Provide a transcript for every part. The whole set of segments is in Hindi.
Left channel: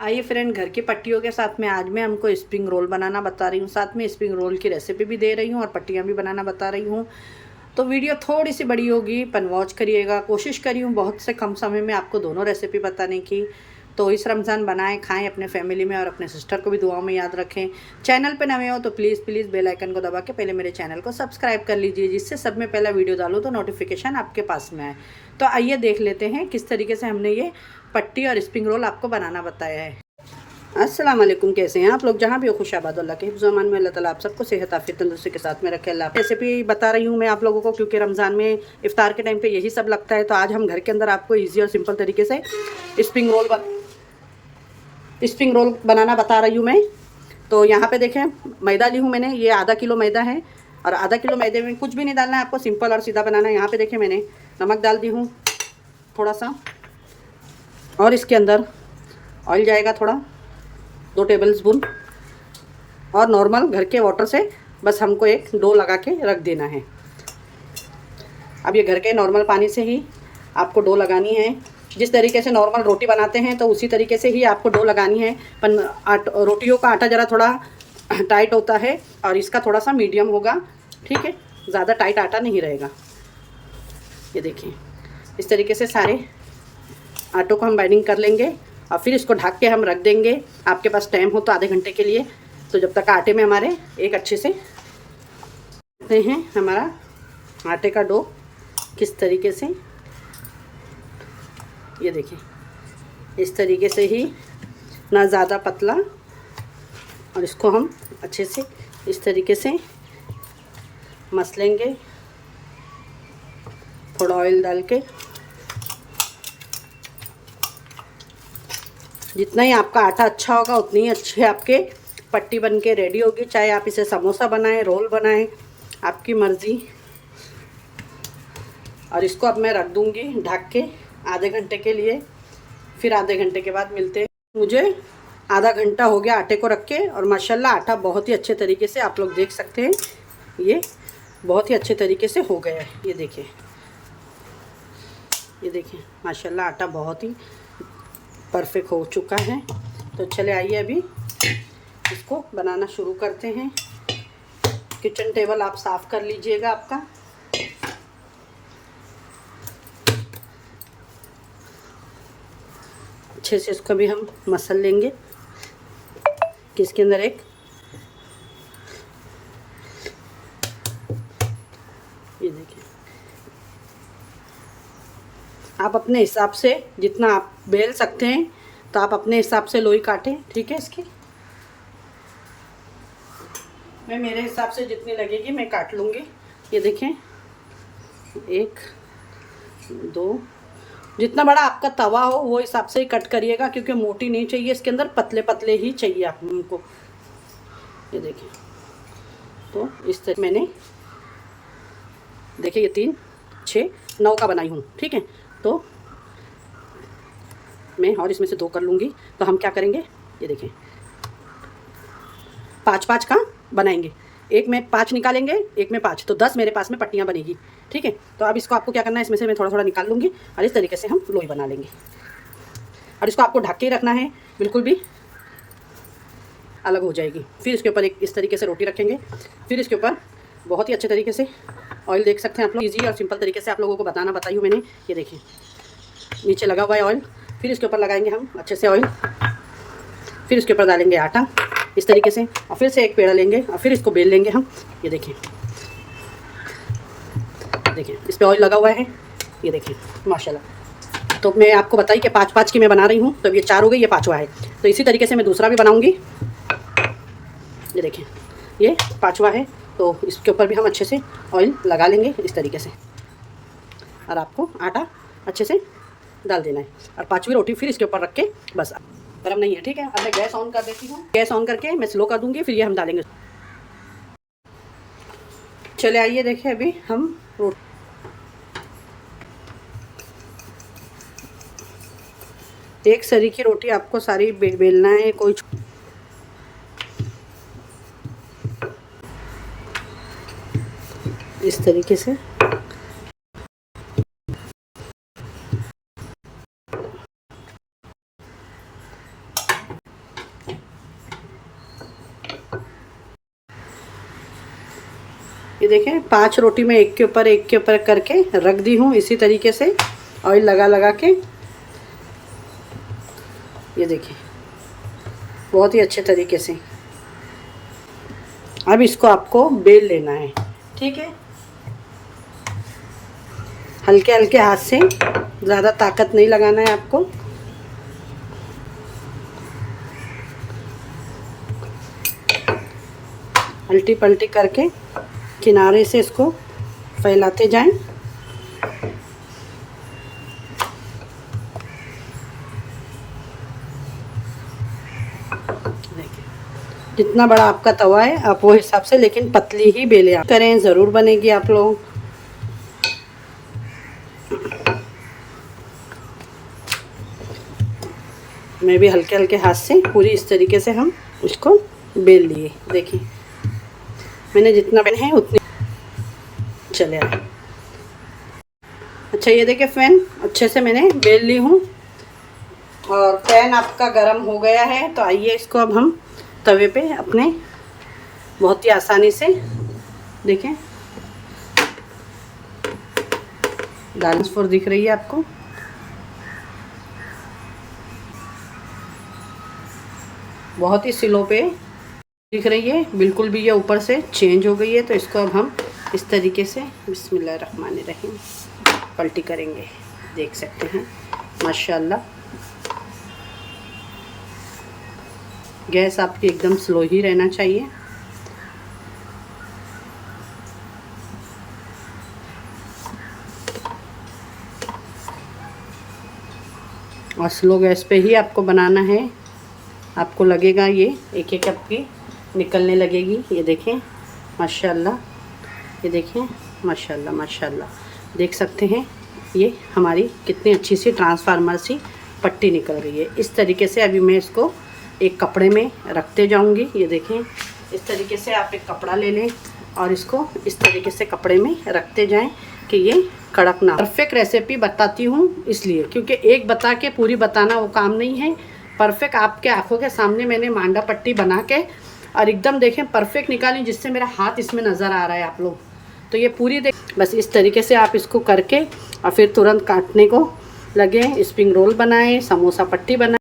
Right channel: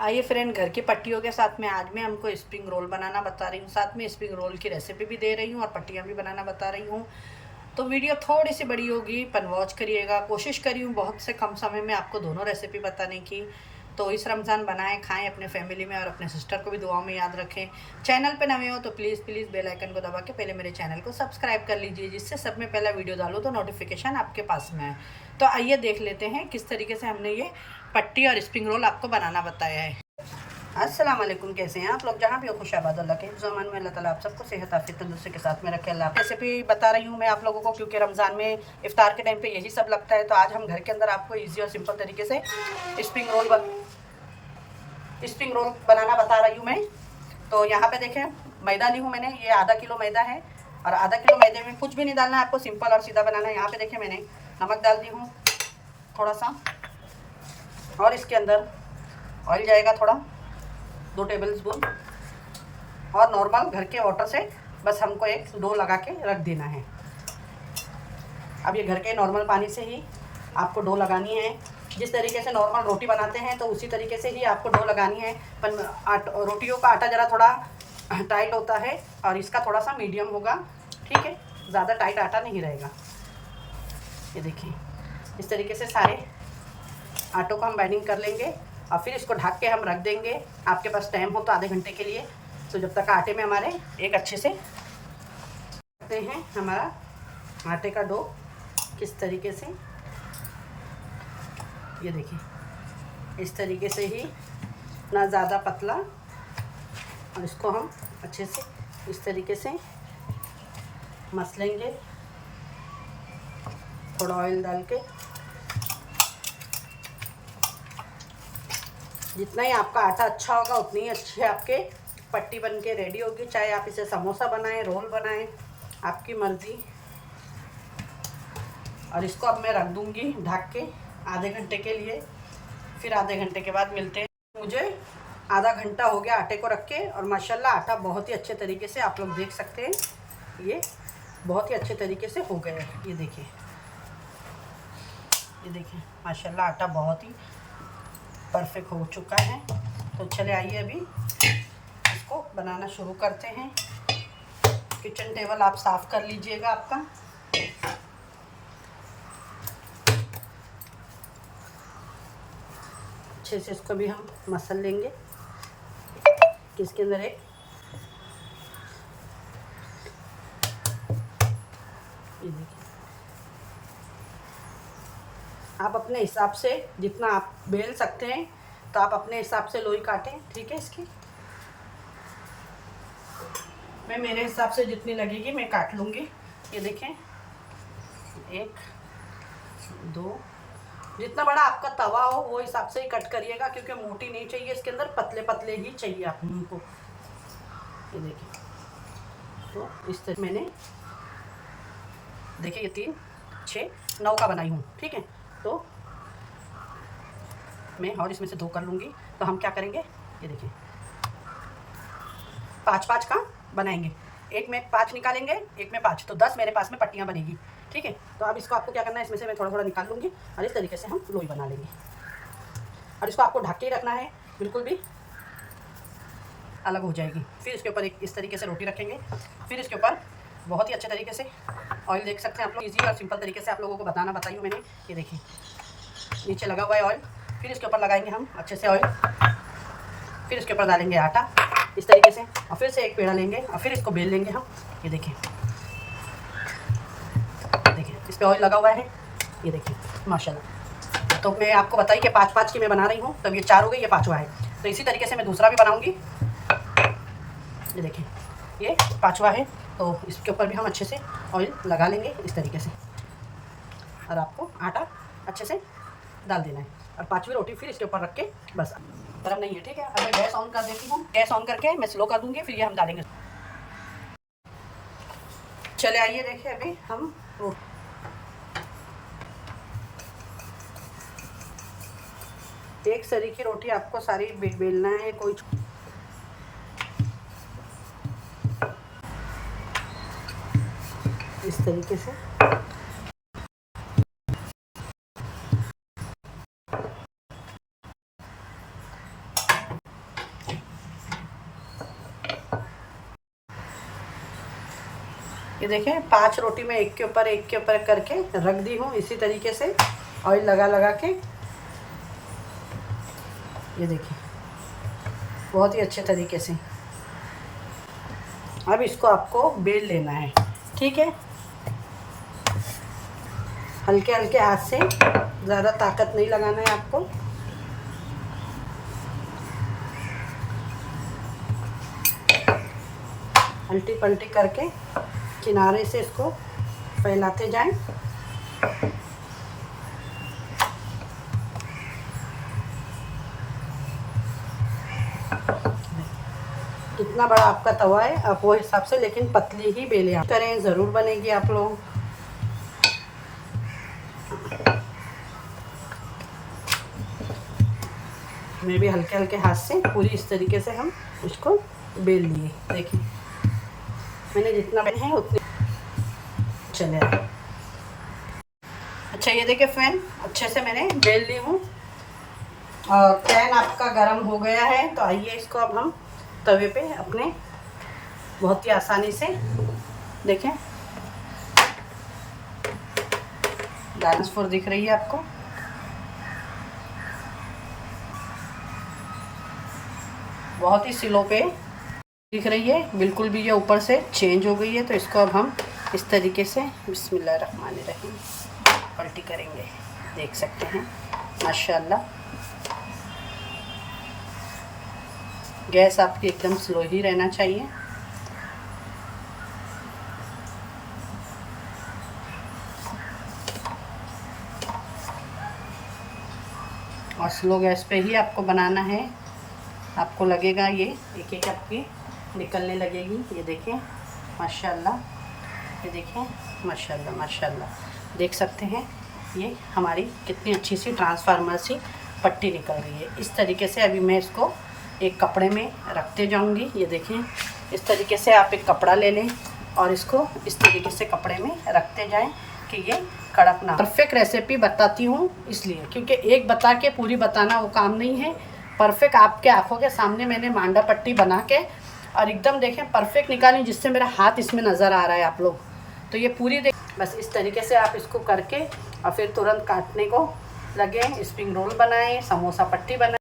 आइए फ्रेंड, घर की पट्टियों के साथ में आज मैं हमको स्प्रिंग रोल बनाना बता रही हूँ। साथ में स्प्रिंग रोल की रेसिपी भी दे रही हूँ और पट्टियाँ भी बनाना बता रही हूँ। तो वीडियो थोड़ी सी बड़ी होगी, पर वॉच करिएगा। कोशिश करी हूँ बहुत से कम समय में आपको दोनों रेसिपी बताने की। तो इस रमज़ान बनाएं, खाएं अपने फैमिली में, और अपने सिस्टर को भी दुआओं में याद रखें। चैनल पे नए हो तो प्लीज़ प्लीज़ बेल आइकन को दबा के पहले मेरे चैनल को सब्सक्राइब कर लीजिए, जिससे सब में पहला वीडियो डालूँ तो नोटिफिकेशन आपके पास में आए। तो आइए देख लेते हैं किस तरीके से हमने ये पट्टी और स्प्रिंग रोल आपको बनाना बताया है। अस्सलाम वालेकुम, कैसे हैं आप लोग? जहाँ भी हो खुशाबाद अल्लाह के हिफ्ज़-ओ-अमान में। अल्लाह ताला आप सबको सेहत आफियत तंदुरुस्ती के साथ में रखे। अल्लाह रेसिपी बता रही हूँ मैं आप लोगों को, क्योंकि रमज़ान में इफ्तार के टाइम पे यही सब लगता है। तो आज हम घर के अंदर आपको ईजी और सिंपल तरीके से स्प्रिंग रोल बनाना बता रही हूँ मैं। तो यहाँ पे देखें, मैदा ली हूँ मैंने, ये आधा किलो मैदा है। और आधा किलो मैदे में कुछ भी नहीं डालना है आपको, सिंपल और सीधा बनाना है। यहाँ पे देखें, मैंने नमक डाल दी हूँ थोड़ा सा, और इसके अंदर ऑयल जाएगा थोड़ा, 2 टेबल स्पून। और नॉर्मल घर के वाटर से बस हमको एक डो लगा के रख देना है। अब ये घर के नॉर्मल पानी से ही आपको डो लगानी है। जिस तरीके से नॉर्मल रोटी बनाते हैं तो उसी तरीके से ही आपको डो लगानी है। पर रोटियों का आटा ज़रा थोड़ा टाइट होता है और इसका थोड़ा सा मीडियम होगा, ठीक है? ज़्यादा टाइट आटा नहीं रहेगा। ये देखिए, इस तरीके से सारे आटों को हम बाइंडिंग कर लेंगे और फिर इसको ढक के हम रख देंगे। आपके पास टाइम हो तो आधे घंटे के लिए। तो जब तक आटे में हमारे एक अच्छे से देखते हैं हमारा आटे का डो किस तरीके से, ये देखिए इस तरीके से ही, ना ज़्यादा पतला। और इसको हम अच्छे से इस तरीके से मसलेंगे, थोड़ा ऑयल डाल के। जितना ही आपका आटा अच्छा होगा उतनी ही अच्छी आपके पट्टी बन के रेडी होगी। चाहे आप इसे समोसा बनाएं, रोल बनाएं, आपकी मर्ज़ी। और इसको अब मैं रख दूंगी ढक के आधे घंटे के लिए। फिर आधे घंटे के बाद मिलते हैं। मुझे आधा घंटा हो गया आटे को रख के, और माशाल्लाह आटा बहुत ही अच्छे तरीके से, आप लोग देख सकते हैं, ये बहुत ही अच्छे तरीके से हो गया है। ये देखिए, ये देखिए माशाल्लाह आटा बहुत ही परफेक्ट हो चुका है। तो चले आइए अभी इसको बनाना शुरू करते हैं। किचन टेबल आप साफ़ कर लीजिएगा आपका। अच्छे से इसको भी हम मसल लेंगे कि इसके अंदर एक, ये देखिए, आप अपने हिसाब से जितना आप बेल सकते हैं तो आप अपने हिसाब से लोई काटें, ठीक है? इसकी मैं मेरे हिसाब से जितनी लगेगी मैं काट लूँगी। ये देखें, 1 2, जितना बड़ा आपका तवा हो वो हिसाब से ही कट करिएगा, क्योंकि मोटी नहीं चाहिए इसके अंदर, पतले पतले ही चाहिए आप को। ये देखिए, तो इस तरह मैंने देखिए ये 3 6 9 का बनाई हूँ, ठीक है? तो मैं और इसमें से 2 कर लूँगी। तो हम क्या करेंगे, ये देखिए 5-5 का बनाएंगे। एक में 5 निकालेंगे, एक में 5, तो 10 मेरे पास में पट्टियाँ बनेगी, ठीक है? तो अब इसको आपको क्या करना है, इसमें से मैं थोड़ा थोड़ा निकाल लूँगी और इस तरीके से हम लोई बना लेंगे। और इसको आपको ढक के ही रखना है, बिल्कुल भी अलग हो जाएगी। फिर इसके ऊपर एक इस तरीके से रोटी रखेंगे। फिर इसके ऊपर बहुत ही अच्छे तरीके से ऑयल, देख सकते हैं आप लोग, ईजी और सिंपल तरीके से आप लोगों को बताई हूँ मैंने। ये देखिए नीचे लगा हुआ है ऑयल। फिर इसके ऊपर लगाएंगे हम अच्छे से ऑयल। फिर इसके ऊपर डालेंगे आटा इस तरीके से, और फिर से एक पेड़ा लेंगे और फिर इसको बेल लेंगे हम। ये देखिए, देखिए इस पर ऑयल लगा हुआ है। ये देखिए माशाल्लाह। तो मैं आपको बताई कि 5-5 की मैं बना रही हूँ। तो अब ये 4 हो गई, ये 5वां है। तो इसी तरीके से मैं दूसरा भी बनाऊँगी। ये देखिए ये 5वां है। तो इसके ऊपर भी हम अच्छे से ऑयल लगा लेंगे इस तरीके से, और आपको आटा अच्छे से डाल देना है। और 5वीं रोटी फिर इसके ऊपर रख के, बस गर्म नहीं है, ठीक है? अब मैं गैस ऑन कर देती हूँ। गैस ऑन करके मैं स्लो कर दूँगी, फिर ये हम डालेंगे। चले आइए देखिए, अभी हम एक सरी की रोटी आपको सारी बेलना है, कोई इस तरीके से। ये देखें 5 रोटी में एक के ऊपर करके रख दी हूँ इसी तरीके से, ऑयल लगा लगा के। ये देखिए बहुत ही अच्छे तरीके से। अब इसको आपको बेल लेना है, ठीक है। हल्के हल्के हाथ से, ज़्यादा ताकत नहीं लगाना है आपको। उल्टी पलटी करके किनारे से इसको फैलाते जाएं। जितना बड़ा आपका तवा है आप वो हिसाब से, लेकिन पतली ही बेले करें, ज़रूर बनेगी आप लोग। मैं भी हल्के हल्के हाथ से पूरी इस तरीके से हम इसको बेल लिए। देखिए मैंने जितना बेल है उतनी चले आए। अच्छा ये देखिए फ्रेंड, अच्छे से मैंने बेल ली हूँ और पैन आपका गरम हो गया है। तो आइए इसको अब हम तवे पे अपने बहुत ही आसानी से देखें, दाल फोर दिख रही है आपको। बहुत ही स्लो पे दिख रही है, बिल्कुल भी ये ऊपर से चेंज हो गई है। तो इसको अब हम इस तरीके से बिस्मिल्लाहिर्रहमानिर्रहीम पलटी करेंगे। देख सकते हैं माशाल्लाह। गैस आपकी एकदम स्लो ही रहना चाहिए। और स्लो गैस पे ही आपको बनाना है। आपको लगेगा ये एक एक आपकी निकलने लगेगी। ये देखें माशाल्लाह, ये देखें माशाल्लाह माशाल्लाह। देख सकते हैं ये हमारी कितनी अच्छी सी ट्रांसफार्मर सी पट्टी निकल रही है। इस तरीके से अभी मैं इसको एक कपड़े में रखते जाऊंगी। ये देखें इस तरीके से आप एक कपड़ा ले लें और इसको इस तरीके से कपड़े में रखते जाएं कि ये कड़क ना। परफेक्ट रेसिपी बताती हूँ इसलिए, क्योंकि एक बता के पूरी बताना वो काम नहीं है। परफेक्ट आपके आंखों के सामने मैंने मांडा पट्टी बना के और एकदम देखें परफेक्ट निकाली, जिससे मेरा हाथ इसमें नज़र आ रहा है आप लोग। तो ये पूरी बस इस तरीके से आप इसको करके और फिर तुरंत काटने को लगे। स्प्रिंग रोल बनाएं, समोसा पट्टी बनाएं।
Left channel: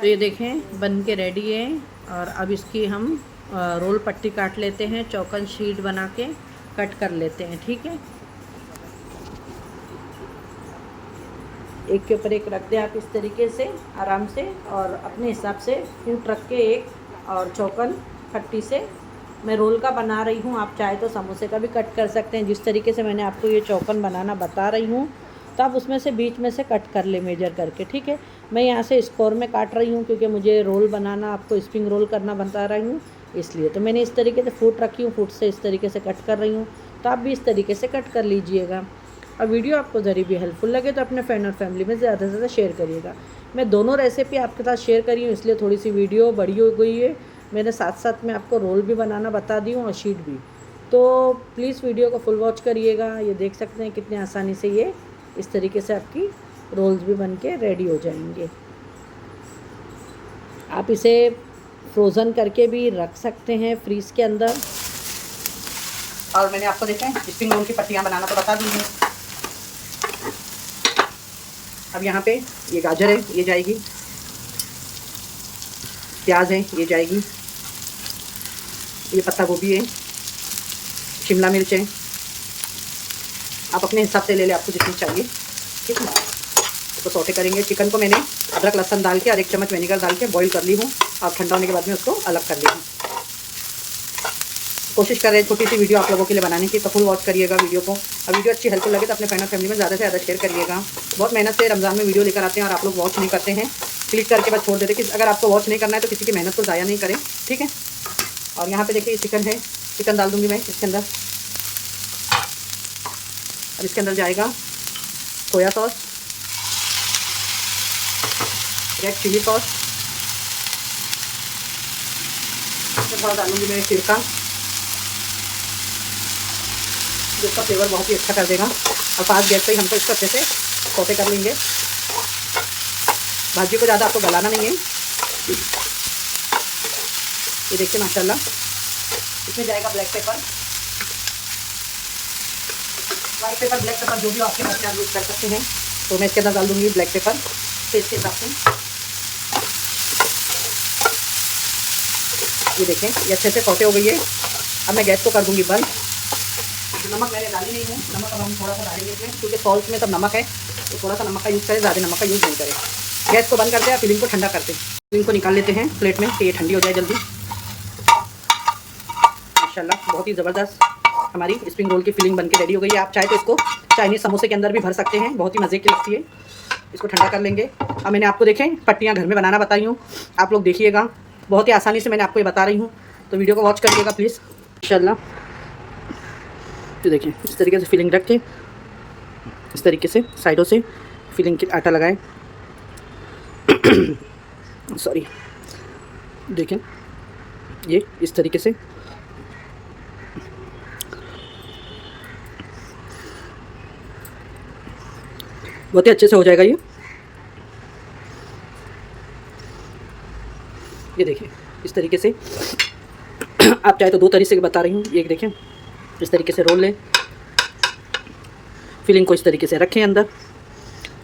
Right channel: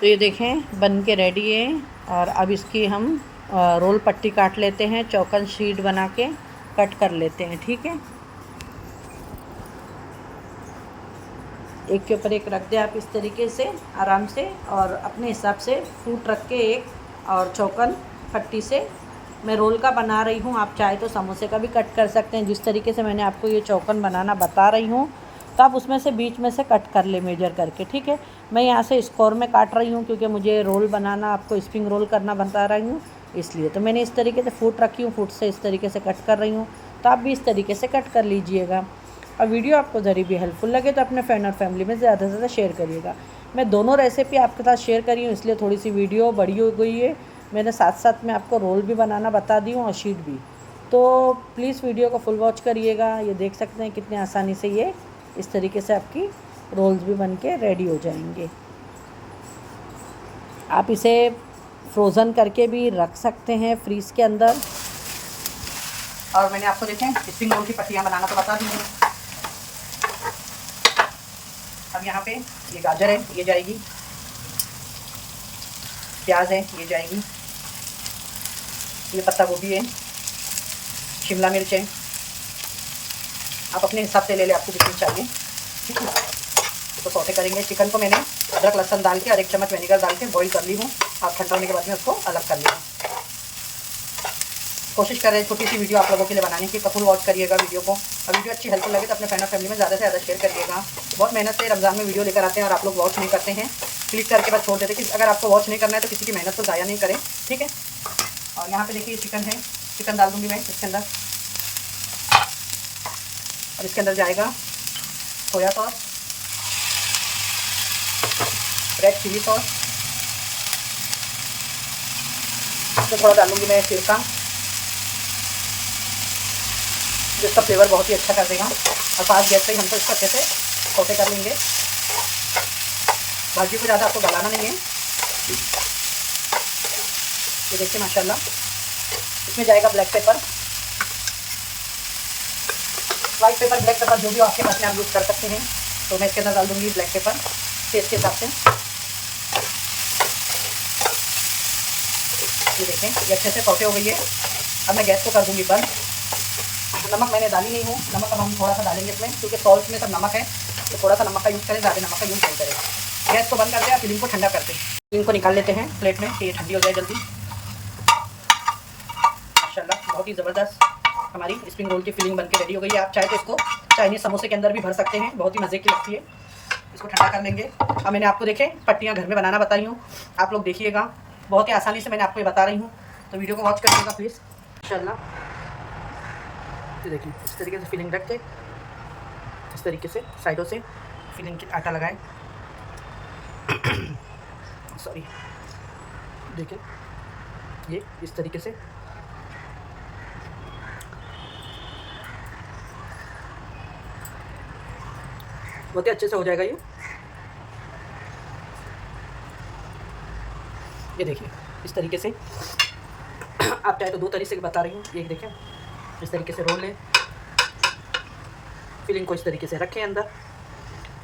तो ये देखें बन के रेडी है। और अब इसकी हम रोल पट्टी काट लेते हैं, चौकन शीट बना के कट कर लेते हैं, ठीक है। एक के ऊपर एक रख दें आप इस तरीके से आराम से, और अपने हिसाब से फ्रूट रख के एक और चौकन पट्टी से मैं रोल का बना रही हूँ। आप चाहे तो समोसे का भी कट कर सकते हैं। जिस तरीके से मैंने आपको ये चौकन बनाना बता रही हूँ, तो आप उसमें से बीच में से कट कर ले मेजर करके, ठीक है। मैं यहाँ से स्क्वायर में काट रही हूँ क्योंकि मुझे रोल बनाना, आपको स्प्रिंग रोल करना बता रही हूँ इसलिए। तो मैंने इस तरीके से फूट रखी हूँ, फूट से इस तरीके से कट कर रही हूँ। तो आप भी इस तरीके से कट कर लीजिएगा। और वीडियो आपको ज़रा भी हेल्पफुल लगे तो अपने फ्रेंड और फैमिली में ज़्यादा से ज़्यादा शेयर करिएगा। मैं दोनों रेसिपी आपके साथ शेयर करी हूँ, इसलिए थोड़ी सी वीडियो बड़ी हो गई है। मैंने साथ साथ में आपको रोल भी बनाना बता दी हूँ और शीट भी। तो प्लीज़ वीडियो को फुल वॉच करिएगा। ये देख सकते हैं कितने आसानी से ये इस तरीके से आपकी रोल्स भी बन के रेडी हो जाएंगे। आप इसे फ्रोज़न करके भी रख सकते हैं फ्रीज़ के अंदर। और मैंने आपको देखें स्प्रिंग रोल की पट्टियाँ बनाना तो बता दी हैं। अब यहाँ पे ये गाजर है, ये जाएगी, प्याज है, ये जाएगी, ये पत्ता गोभी है, शिमला मिर्च है। आप अपने हिसाब से ले लें, आपको जितनी चाहिए, ठीक है। तो सौटे करेंगे। चिकन को मैंने अदरक लहसुन डाल के और 1 चम्मच विनेगर डाल के बॉईल कर ली हूँ और ठंडा होने के बाद में उसको अलग कर ली हूँ। कोशिश कर रहे हैं छोटी सी वीडियो आप लोगों के लिए बनाने की, तो फुल वॉच करिएगा वीडियो को। और वीडियो अच्छी हेल्पफुल लगे तो अपने फ्रेंड और फैमिली में ज़्यादा से ज़्यादा शेयर करिएगा। बहुत मेहनत से रमज़ान में वीडियो लेकर आते हैं और आप लोग वॉच नहीं करते हैं, क्लिक करके बस छोड़ देते हैं। अगर आपको वॉच नहीं करना है तो किसी की मेहनत को ज़ाया नहीं करें, ठीक है। और यहाँ पे देखिए चिकन है, चिकन डाल दूँगी मैं इसके अंदर। और इसके अंदर जाएगा soya sauce, red chilli sauce, इसमें थोड़ा डालूंगी मैं सिरका, जिसका फ्लेवर बहुत ही अच्छा कर देगा। और फास्ट गैस पे ही हमको इसको अच्छे से सौटे कर लेंगे। भाजी को ज़्यादा आपको गलाना नहीं है। ये देखिए माशाल्लाह, इसमें जाएगा black pepper, white paper, black pepper, जो भी आपके पास में आप यूज़ कर सकते हैं। तो मैं इसके अंदर डाल दूँगी ब्लैक पेपर टेस्ट के हिसाब से। ये देखें, ये अच्छे से सौटे हो गई है। अब मैं गैस को कर दूँगी बंद। नमक मैंने डाली नहीं है, नमक अब हम थोड़ा सा डालेंगे इसमें, क्योंकि सॉल्ट में सब नमक है, तो थोड़ा सा नमक का यूज़ करें, ज़्यादा नमक का यूज़ नहीं करें। गैस को बंद करते हैं, फिलिंग को ठंडा करते हैं। फिलिंग को निकाल लेते हैं प्लेट में कि ये ठंडी हो जाए जल्दी। माशाल्लाह बहुत ही ज़बरदस्त हमारी स्प्रिंग रोल की फिलिंग बनके रेडी हो गई है। आप चाहे तो इसको चाइनीज़ समोसे के अंदर भी भर सकते हैं, बहुत ही मज़े की लगती है। इसको ठंडा कर लेंगे। अब मैंने आपको देखें पट्टियाँ घर में बनाना बताई हूँ, आप लोग देखिएगा, बहुत ही आसानी से मैंने आपको ये बता रही हूँ, तो वीडियो को वॉच करिएगा प्लीज़ इंशाल्लाह। तो देखिए इस तरीके से फिलिंग रख के इस तरीके से साइडों से फिलिंग के आटा लगाएं। सॉरी, देखें ये इस तरीके से बहुत ही अच्छे से हो जाएगा ये देखिए इस तरीके से। आप चाहे तो दो तरीके से बता रही हूँ, ये देखें इस तरीके से रोल लें, फिलिंग को इस तरीके से रखें अंदर,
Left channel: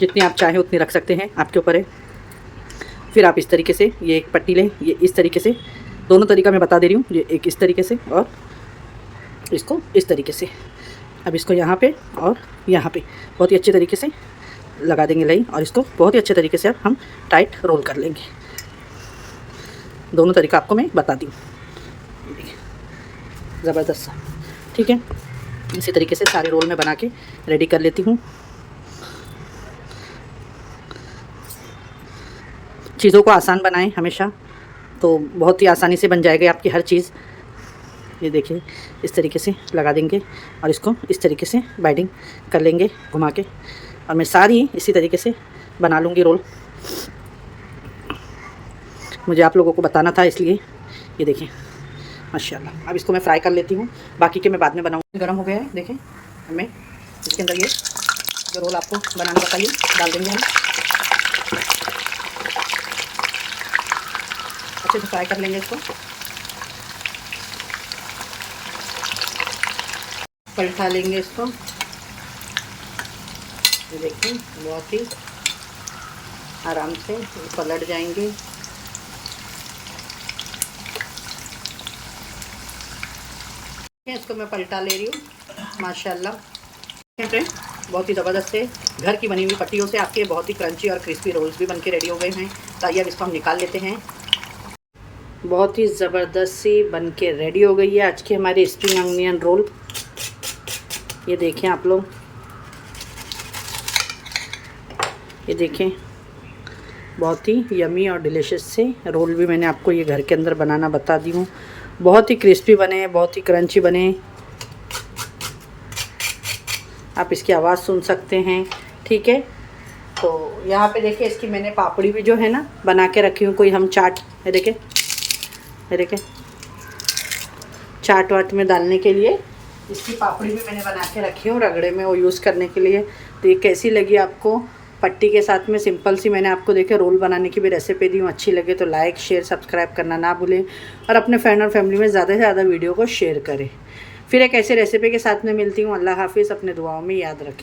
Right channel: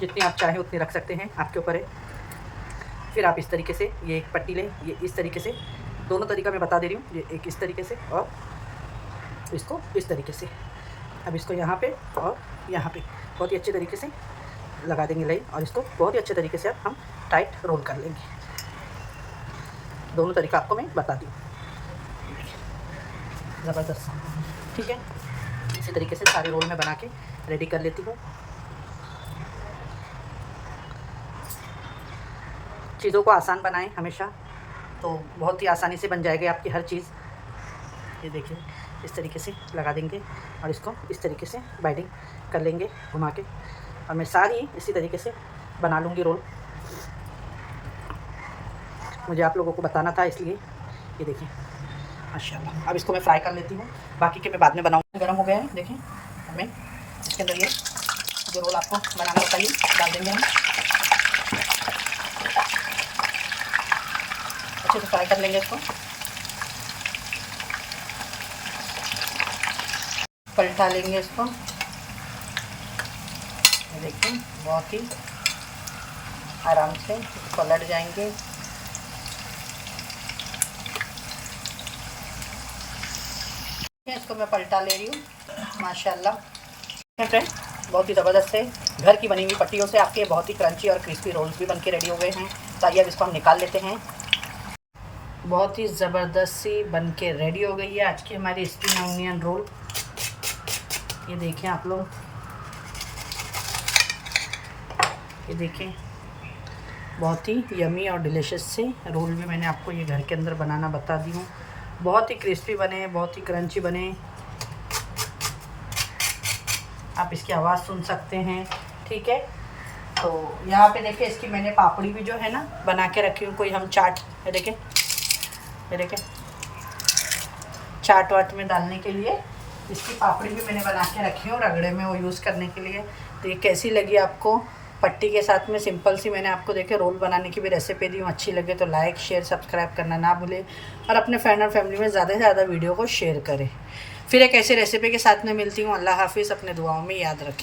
जितनी आप चाहें उतनी रख सकते हैं, आपके ऊपर है। फिर आप इस तरीके से ये एक पट्टी लें, ये इस तरीके से, दोनों तरीका मैं बता दे रही हूँ, ये एक इस तरीके से और इसको इस तरीके से। अब इसको यहाँ पे और यहाँ पे बहुत ही अच्छे तरीके से लगा देंगे लाइन, और इसको बहुत ही अच्छे तरीके से अब हम टाइट रोल कर लेंगे। दोनों तरीका आपको मैं बता दी, ज़बरदस्त, ठीक है। इसी तरीके से सारे रोल में बना के रेडी कर लेती हूँ। चीज़ों को आसान बनाएं हमेशा, तो बहुत ही आसानी से बन जाएगी आपकी हर चीज़। ये देखिए इस तरीके से लगा देंगे और इसको इस तरीके से बाइंडिंग कर लेंगे घुमा के, और मैं सारी इसी तरीके से बना लूँगी रोल। मुझे आप लोगों को बताना था इसलिए। ये देखिए माशाल्लाह। अब इसको मैं फ्राई कर लेती हूँ, बाकी के मैं बाद में बनाऊँगी। गर्म हो गया है, देखें हमें इसके अंदर ये जो रोल आपको बनाना बताइए डाल देंगे हम, अच्छे से फ्राई कर लेंगे इसको। पलटा लेंगे इसको, देखिए बहुत ही आराम से पलट जाएंगे। इसको मैं पलटा ले रही हूँ माशाल्लाह। फ्रेंड बहुत ही ज़बरदस्त है, घर की बनी हुई पट्टियों से आपके बहुत ही क्रंची और क्रिस्पी रोल्स भी बनके रेडी हो गए हैं। तो आइए अब इसको हम निकाल लेते हैं। बहुत ही ज़बरदस्त सी बनके रेडी हो गई है आज की हमारी स्प्रिंग अनियन रोल। ये देखें आप लोग, ये देखें बहुत ही यमी और डिलीशियस से रोल भी मैंने आपको ये घर के अंदर बनाना बता दी हूँ। बहुत ही क्रिस्पी बने, बहुत ही क्रंची बने, आप इसकी आवाज़ सुन सकते हैं, ठीक है। तो यहाँ पे देखिए इसकी मैंने पापड़ी भी जो है ना बना के रखी हूँ, कोई हम चाट, ये देखें चाट वाट में डालने के लिए इसकी पापड़ी भी मैंने बना के रखी है, रगड़े में वो यूज़ करने के लिए। तो ये कैसी लगी आपको, पट्टी के साथ में सिंपल सी मैंने आपको देखे रोल बनाने की भी रेसिपी दी हूँ। अच्छी लगे तो लाइक शेयर सब्सक्राइब करना ना भूलें, और अपने फ्रेंड और फैमिली में ज़्यादा से ज़्यादा वीडियो को शेयर करें। फिर एक ऐसी रेसिपी के साथ में मिलती हूँ। अल्लाह हाफिज़, अपने दुआओं में याद रखें।